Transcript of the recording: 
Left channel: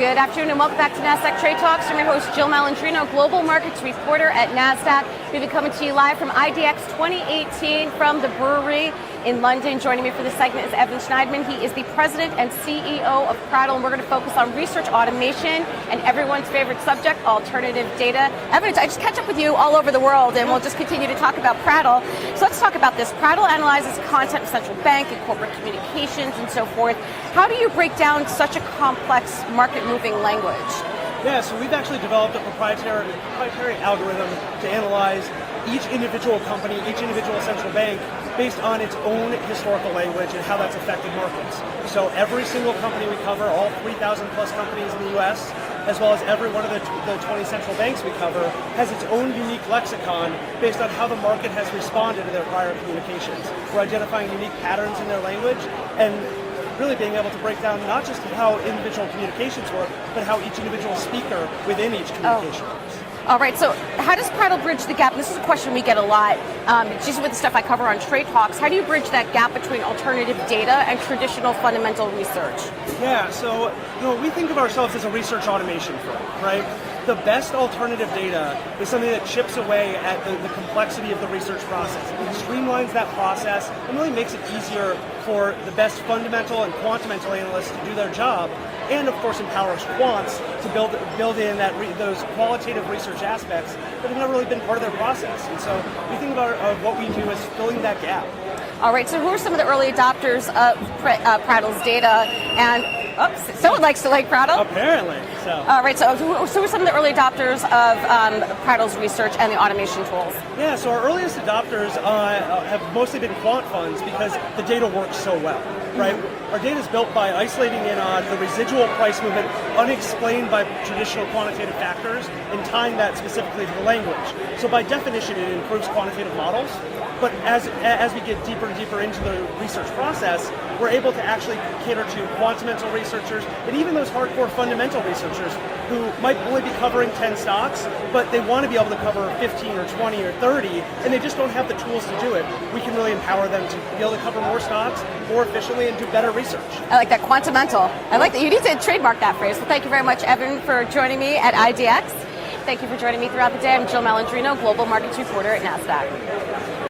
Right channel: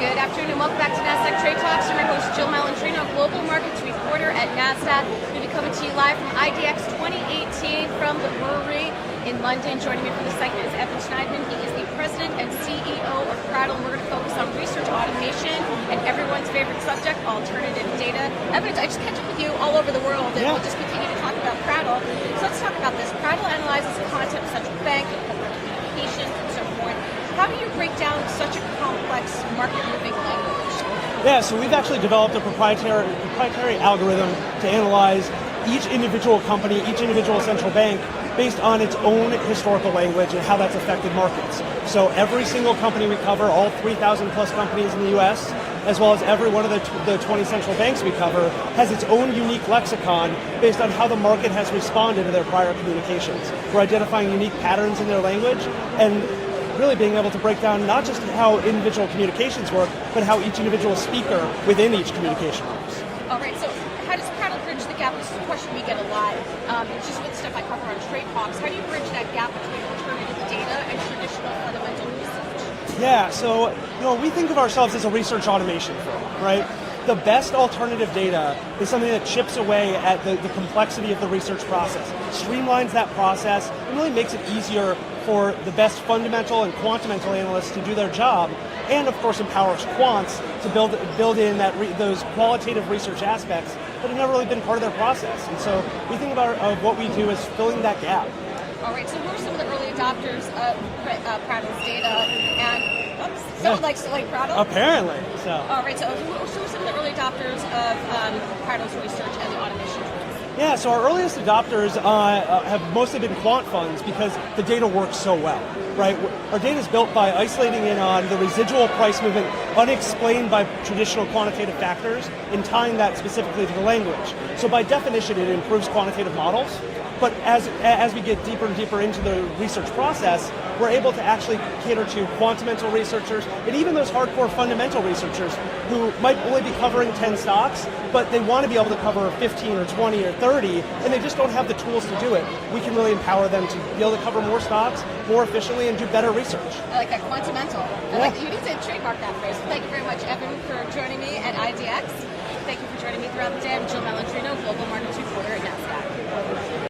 Good afternoon and welcome back to Nasdaq Trade Talks. I'm your host Jill Malandrino, Global Markets Reporter at Nasdaq. We'll be coming to you live from IDX 2018 from the brewery in London. Joining me for this segment is Evan Schnidman. He is the President and CEO of Prattle, and we're going to focus on research automation and everyone's favorite subject, alternative data. Evan, I just catch up with you all over the world, and we'll just continue to talk about Prattle. So let's talk about this. Prattle analyzes content of central bank and corporate communications and so forth. How do you break down such a complex market-moving language? Yeah, so we've actually developed a proprietary algorithm to analyze each individual company, each individual central bank, based on its own historical language and how that's affected markets. So every single company we cover, all 3,000 plus companies in the US, as well as every one of the 20 central banks we cover, has its own unique lexicon based on how the market has responded to their prior communications. We're identifying unique patterns in their language and really being able to break down not just how individual communications work, but how each individual speaker within each communication works. All right, so how does Prattle bridge the gap? This is a question we get a lot, just with the stuff I cover on TradeTalks. How do you bridge that gap between alternative data and traditional fundamental research? Yeah, so we think of ourselves as a research automation firm, right? The best alternative data is something that chips away at the complexity of the research process, streamlines that process, and really makes it easier for the best fundamental and quantamental analysts to do their job, and of course empowers quants to build in those qualitative research aspects that have never really been part of their process. And so we think of what we do as filling that gap. All right, so who are some of the early adopters of Prattle's data? And someone likes to like Prattle? Apparently. So. All right, so who are some of the early adopters of Prattle's research and the automation tools? Yeah, so our earliest adopters have mostly been quant funds because the data works so well. Right, our data is built by isolating in on the residual price movement unexplained by traditional quantitative factors and tying that specifically to the language. So by definition, it improves quantitative models. But as we get deeper and deeper into the research process, we're able to actually cater to quantamental researchers and even those hardcore fundamental researchers who might only be covering 10 stocks, but they want to be able to cover 15 or 20 or 30, and they just don't have the tools to do it. We can really empower them to be able to cover more stocks more efficiently and do better research. I like that, quantamental. I like that. You need to trademark that phrase. Well, thank you very much, Evan, for joining me at IDX. Thank you for joining me throughout the day. I'm Jill Malandrino, Global Markets Reporter at Nasdaq.